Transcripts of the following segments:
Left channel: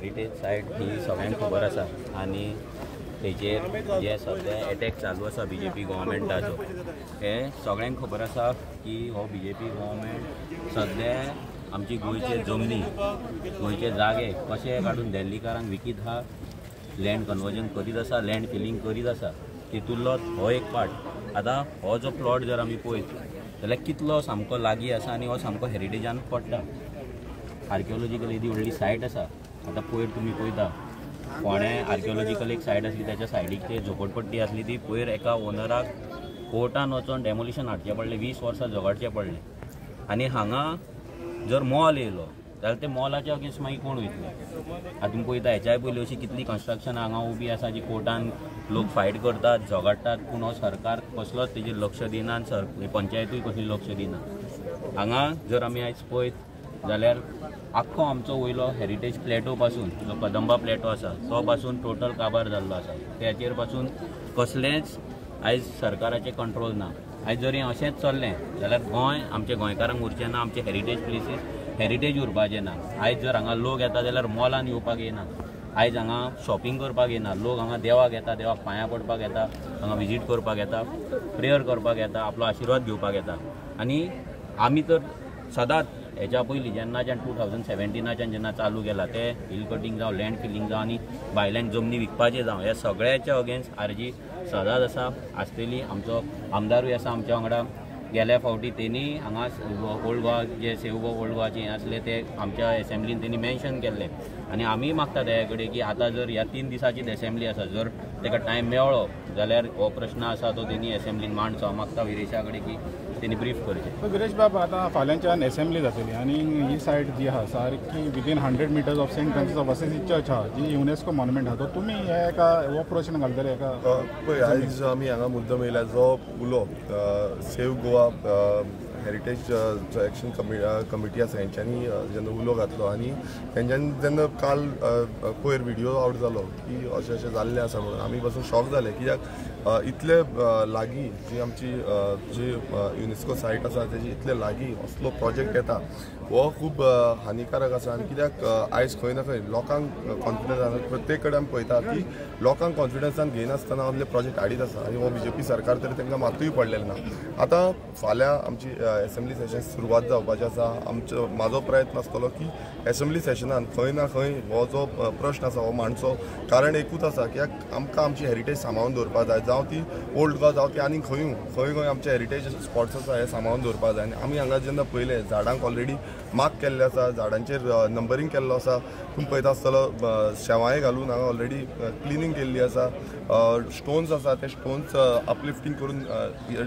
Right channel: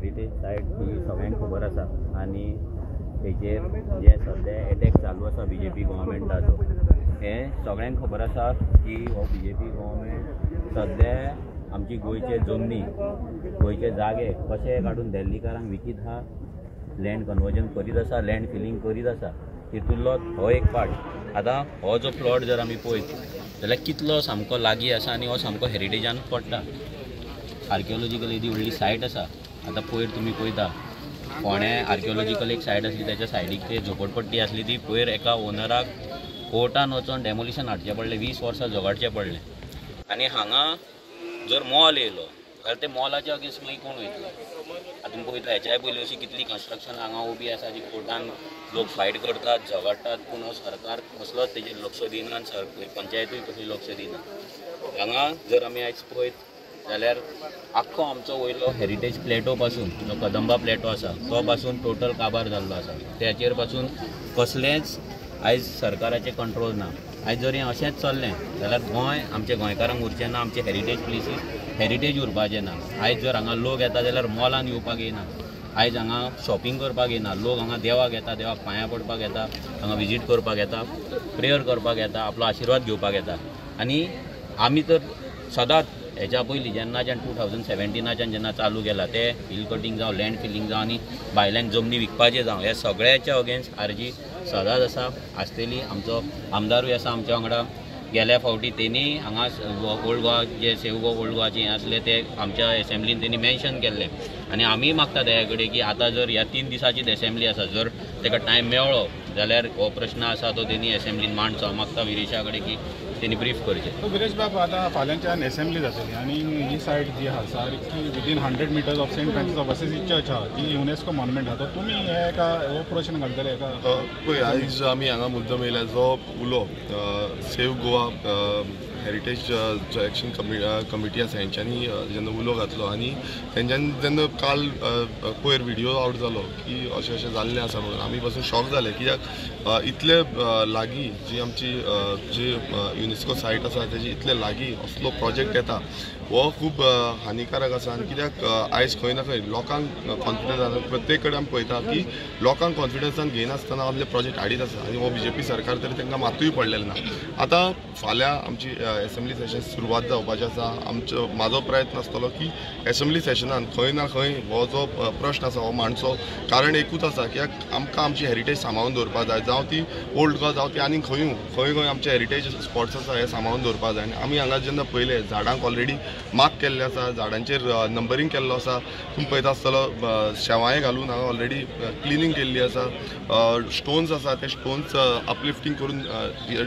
हेरिटेज सायट ही सगळ्यांक खबर आसा आनी तेजेर जे सद्या एटॅक चालू आसा BJP गव्हर्मेंटाचो हे सगळ्यांक खबर आसा की हो BJP गव्हर्मेंट सद्या आमची गोंयचे जमनी गोंयचे जागे कशे काडून दिल्लीकारांक विकीत आहा, लँड कन्वर्जन करीत आसा, लँड फिलिंग करीत आसा. तितूंतलोच हो एक पार्ट. आतां हो जो प्लॉट जर आमी पळयत जाल्यार कितलो सामको लागीं आसा आनी हो सामको हेरिटेजान पडटा. आर्किओलॉजिकल येदी व्हडली सायट आसा. आतां पयर तुमी पळयता फोंड्या आर्किओलॉजिकल एक सायट आसली, त्याच्या सायडीक ते झोपडपट्टी आसली ती पयर एका ओनराक कोर्टान वचोन डेमोलिशन हाडचें पडलें, 20 वर्सां झगडचें पडलें. आनी हांगा जर मॉल येयलो जाल्यार ते मॉलाच्या अगेन्स्ट मागीर कोण वयतलो. आतां तुमी पळयता हेच्याय पयलीं अशी कितली कन्स्ट्रक्शन हांगा उबी आसा जी कोर्टान लोक फायट करतात, झगडटात, पूण हो सरकार कसलोच तेजेर लक्ष दिना आनी पंचायतूय कसली लक्ष दिना. हांगा जर आमी आयज पळयत जाल्यार आख्खो आमचो वयलो हेरिटेज प्लेटो पासून जो कदंबा प्लेटो आसा तो पासून टोटल काबार जाल्लो आसा. त्याचेर पासून कसलेंच आयज सरकाराचें कंट्रोल ना. आयज जर हें अशेंच चल्लें जाल्यार गोंय आमच्या गोंयकारांक उरचें ना, आमचे हेरिटेज प्लेसीस हेरिटेज उरपाचें ना. आयज जर हांगा लोक येता जाल्यार मॉलान येवपाक येना. आयज हांगा शॉपिंग करपाक येना. लोक हांगा देवाक येता, देवाक पांयां पडपाक येता, हांगा विजीट करपाक येता, प्रेयर करपाक येता, आपलो आशिर्वाद घेवपाक येता. आनी आमी तर सदांच हेच्या पयलीं जेन्नाच्यान 2017च्यान जेन्ना चालू केला ते हिल कटींग जावं, लँड फिलिंग जावं आनी भायल्यांक जमनी विकपाचें जावं, हे सगळ्याच्या अगेन्स्ट आरजी सदांच आसा आसतली. आमचो आमदारूय आसा आमच्या वांगडा. गेल्या फावटी तेणी हांगा ओल्ड गोवा जे सेव गो ओल्ड गोवाचे हें आसले ते आमच्या एसेंब्लीन तेणी मेन्शन केल्ले. आनी आमी मागता दया कडेन की आतां जर ह्या 3 दिसाची एसेंब्ली आसा, जर ताका टायम मेळ्ळो जाल्यार हो प्रश्न आसा तो तेणी एसेंब्लीन मांडचो. हांव मागता विरेशा कडेन की तेणी ब्रीफ करचें. विरेश बाब, आतां फाल्यांच्यान एसेंब्ली जातली आनी ही सायट जी आहा सारकी within 100 meters of Saint Francis of Assisi church आहा जी युनेस्को मॉन्युमेंट आहा. तर तुमी हे एका हो प्रश्न घालतले एका पळय आयज आमी हांगा मुद्दम येयला जो उलो सेव गोवा हेरिटेज जो एक्शन कमिटी आसा हेंच्यांनी जेन्ना उलो घातलो आनी तेंच्यांनी जेन्ना काल पयर व्हिडिओ आवट जालो की अशें अशें जाल्लें आसा म्हणून आमी पासून शॉक जाले. कित्याक इतले लागीं जी आमची जी युनेस्को सायट आसा तेजी इतले लागीं असलो प्रोजेक्ट येता हो खूब हानिकारक आसा. आनी कित्याक आयज खंय ना खंय लोकांक कॉन्फिडन्स प्रत्येक कडेन आमी पळयता की लोकांक कॉन्फिडन्सान घेयनासतना असले प्रोजेक्ट हाडीत आसा आनी हो BJP सरकार तरी तांकां मातूय पडलेलें ना. आतां फाल्यां आमची एसेंब्ली सेशन सुरवात जावपाचें आसा. म्हाजो प्रयत्न आसतलो की एसेंब्ली सेशनान खंय ना खंय हो जो प्रश्न आसा हो मांडचो. कारण एकूच आसा कित्याक आमकां आमची हेरिटेज सांबाळून दवरपाक जाय, जावं ती ओल्ड गोवा जावं ती आनी खंय खंय आमचे हेरिटेज स्पॉट्स आसा हे सांबाळून दवरपाक जाय. आनी आमी हांगा जेन्ना पयले झाडांक ऑलरेडी मार्क केल्ले आसा, झाडांचेर नंबरींग केल्लो आसा. तुमी पळयता आसतलो शेवाळे घालून हांगा ऑलरेडी क्लिनींग केल्ली आसा. स्टोन्स आसा ते स्टोन्स अपलिफ्टींग करून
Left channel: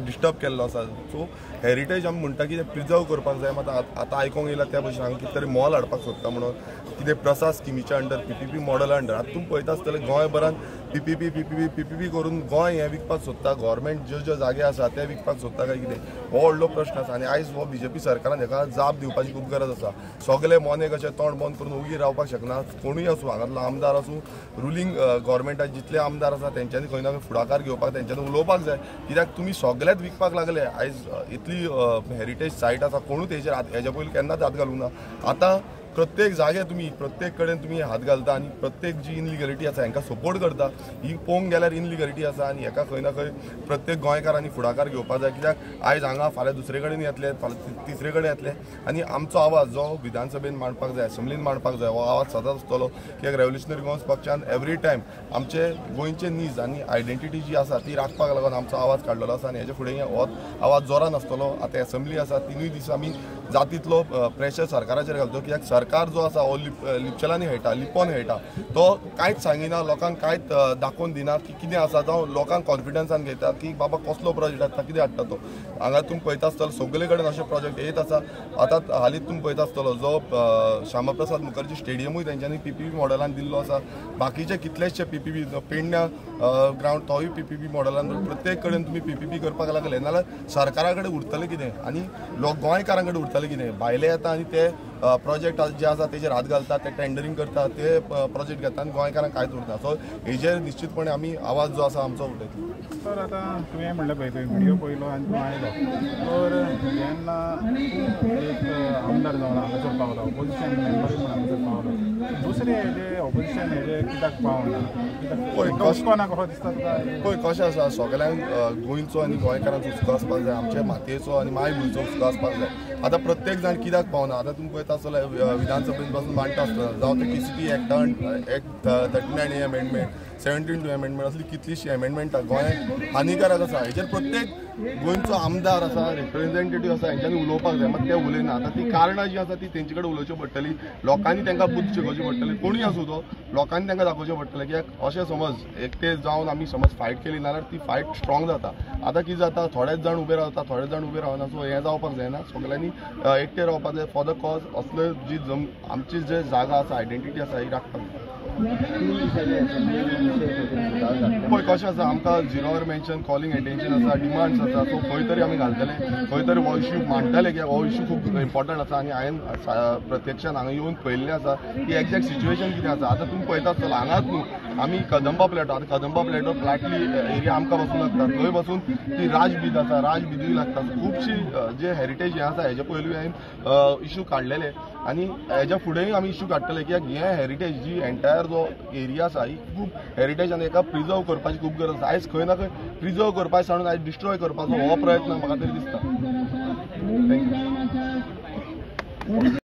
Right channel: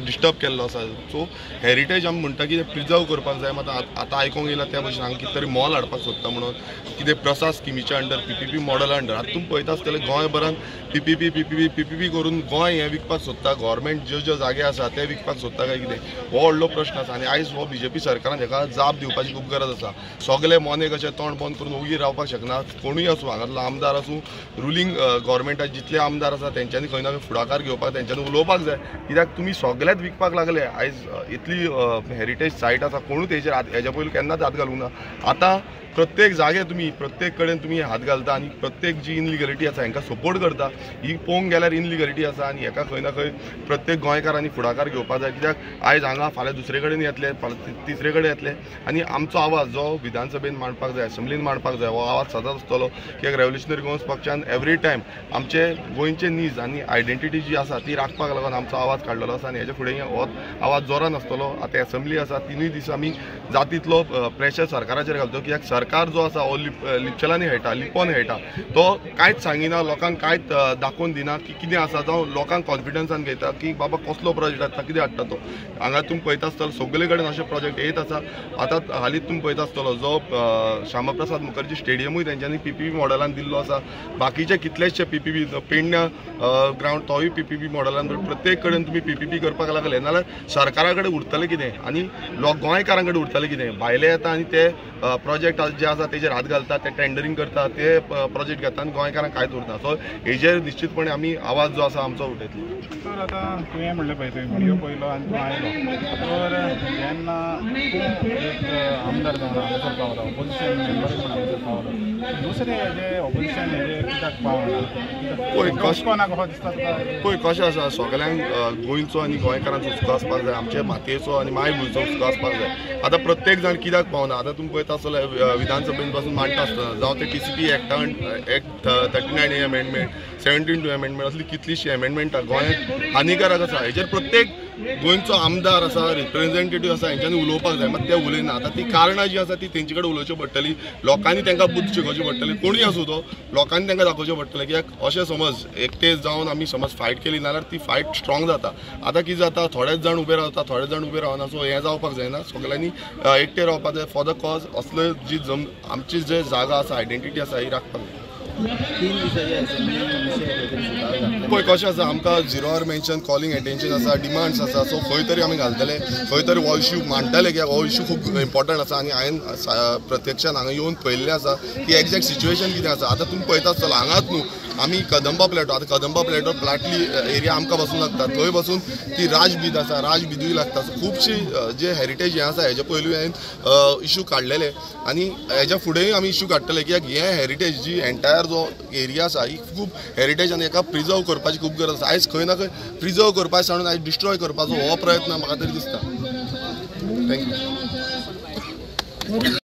डिस्टर्ब केल्लो आसा. सो हेरिटेज आमी म्हणटा की प्रिजर्व करपाक जाय. मात आतां आयकोंक येयला त्या भशेन हांगा कितें तरी मॉल हाडपाक सोदता म्हणून कितें प्रसाद स्किमीच्या अंडर PPP मॉडला अंडर. आतां तुमी पळयता आसतलें गोंयभरान PPP करून गोंय हें विकपाक सोदता. गव्हर्मेंट ज्यो जागे आसा ते विकपाक सोदता काय कितें हो व्हडलो प्रश्न आसा. आनी आयज हो BJP सरकारान हेका जाप दिवपाची खूब गरज आसा. सगळे मोने कशें तोंड बंद करून ओगी रावपाक शकना. कोणूय आसूं, हांगातलो आमदार आसूं, रुलींग गव्हर्मेंटाचे जितले आमदार आसा तेंच्यांनी खंय ना खंय फुडाकार घेवपाक तेंच्यांनी उलोवपाक जाय. कित्याक तुमी सगळेच विकपाक लागले. आयज इतली हेरिटेज सायट आसा कोणूच हेजेर हेज्या पयलीं केन्नाच हात घालूंक ना. आतां प्रत्येक जागे तुमी प्रत्येक कडेन तुमी हात घालता आनी प्रत्येक जी इनलिगलिटी आसा हांकां सपोर्ट करता. ही पळोवंक गेल्यार इनलिगलिटी आसा आनी हेका खंय ना खंय प्रत्येक गोंयकारांनी फुडाकार घेवपाक जाय. कित्याक आयज हांगा फाल्यां दुसरे कडेन येतले, फाल्यां तिसरे कडेन येतले आनी आमचो आवाज जो विधानसभेन मांडपाक जाय, एसेंब्लीन मांडपाक जाय, हो आवाज सदांच आसतलो. कित्याक रेव्होल्युशनरी गोवन्स पक्षान एवरी टायम आमचे गोंयचे नीज आनी आयडेंटिटी जी आसा ती राखपाक लागून आमचो आवाज काडलेलो आसा आनी हेजे फुडें हो आवाज जोरान आसतलो. आतां एसेंब्ली आसा 3 दीस आमी जातीतलो प्रेशर सरकाराचेर घालतो. कित्याक सरकार जो आसा हो लिपचेलांनी खेळटा, लिपोवन खेळटा. तो कांयच सांगिना, लोकांक कांयच दाखोवन दिना की कितें आसा, जावं लोकांक कॉन्फिडन्सान घेता की बाबा कसलो प्रोजेक्ट हाडटा, कितें हाडटा तो. हांगा तुमी पळयता आसतलो सगळे कडेन अशे प्रोजेक्ट येत आसा. आतां हालींच तुमी पळयता आसतलो जो श्यामाप्रसाद मुखर्जी स्टेडियमूय तेंच्यांनी PPP मॉडलान दिल्लो आसा. बाकीचे कितलेशे PPP पेडण्या ग्रावंड तोय PPP मॉडलान. प्रत्येक कडेन तुमी PPP करपाक लागले नाल्यार सरकारा कडेन उरतलें कितें आनी गोंयकारां कडेन उरतलें कितें. भायले येता आनी ते प्रोजेक्ट जे आसा तेजेर हात घालता, ते टेंडरींग करता, ते प्रोजेक्ट घेता आनी गोंयकारांक कांयच उरना. सो हेजेर निश्चितपणे आमी आवाज जो आसा आमचो उठयतलो. तर आतां तुवें म्हणलें पळय तुवें व्हिडिओ पळयलो आनी तूं आयलो. तर जेन्ना एक आमदार जावन हांगासर पावलो, ऑपोजिशन मेंबर म्हणून हांगासर पावलो दुसरे जे ऑपोजिशन हेजे कित्याक पावना पळय, कोणा कहो दिसता तुका पळय कशें आसा, सगळ्यांक गोंयचो आनी गोंयकारांचो हुस्को आसपाक जाय, आमचे मातयेचो आनी मायभूंयचो हुस्को आसपाक जाय. आतां प्रत्येक जाण कित्याक पावना, आतां तुमी पळयता आसतले विधानसभेन पासून मांडटा आसतना जावं ते TCP एक्ट 39A अमेंडमेंट, 72 अमेंडमेंट असली कितलीशीं अमेंडमेंटां गोंयांत हानिकारक आसा. हेचेर प्रत्येक गोंयचो आमदार आसा, रिप्रेझेंटेटिव्ह आसा, हेंच्यांनी उलोवपाक जाय. मात ते उलयना. आतां ती कारणां जी आसा ती तेंचे कडेन उलोवची पडटली, लोकांनी तांकां बुद्ध शिकोवची पडटली. कोणूय आसूं तो, लोकांनी तांकां दाखोवचें पडटलें. कित्याक अशें समज एकटे जावन आमी समज फायट केली जाल्यार ती फायट स्ट्रॉंग जाता. आतां कितें जाता, थोडेच जाण उबे रावता, थोडे जाण उबे रावना. सो हें जावपाक जायना. सगळ्यांनी एकटे रावपाक जाय फॉर द कॉज. असले जी आमची जे जागा आसा, आयडेंटिटी आसा ही राखपाक जाय. पळय कशें आसा, आमकां 0 आवर मेन्शन, कॉलिंग एटेन्शन आसा, डिमांड्स आसा. सो खंय तरी आमी घालतले, खंय तरी हो इश्यू मांडटले, कित्याक हो इश्यू खूब इम्पॉर्टंट आसा. आनी हांवें प्रत्यक्षान हांगा येवन पळयल्लें आसा की एक्झॅक्ट सिच्युएशन कितें आसा. आतां तुमी पळयता आसतलो हांगाच न्हू, आमी कदंबा प्लॅटो, आतां कदंबा प्लॅटो प्लाटली एरिया आमकां बसून लागता, थंय बसून ती राजबीद आसा, राजबिदूय लागता. खुबशी जे हेरिटेज हें आसा, हेजे पयलीं हांवें इश्यू काडलेले आनी हेज्या फुडेंय आमी इश्यू काडटले. कित्याक हें हेरिटेज जी एंटायर जो एरिया आसा ही खूब हेरिटेज आनी हेका प्रिजर्व करपाची खूब गरज आसा. आयज खंय ना खंय प्रिजर्व करपाचें सांडून आयज डिस्ट्रॉय करपाचो हो प्रयत्न म्हाका तरी दिसता. थँक्यू.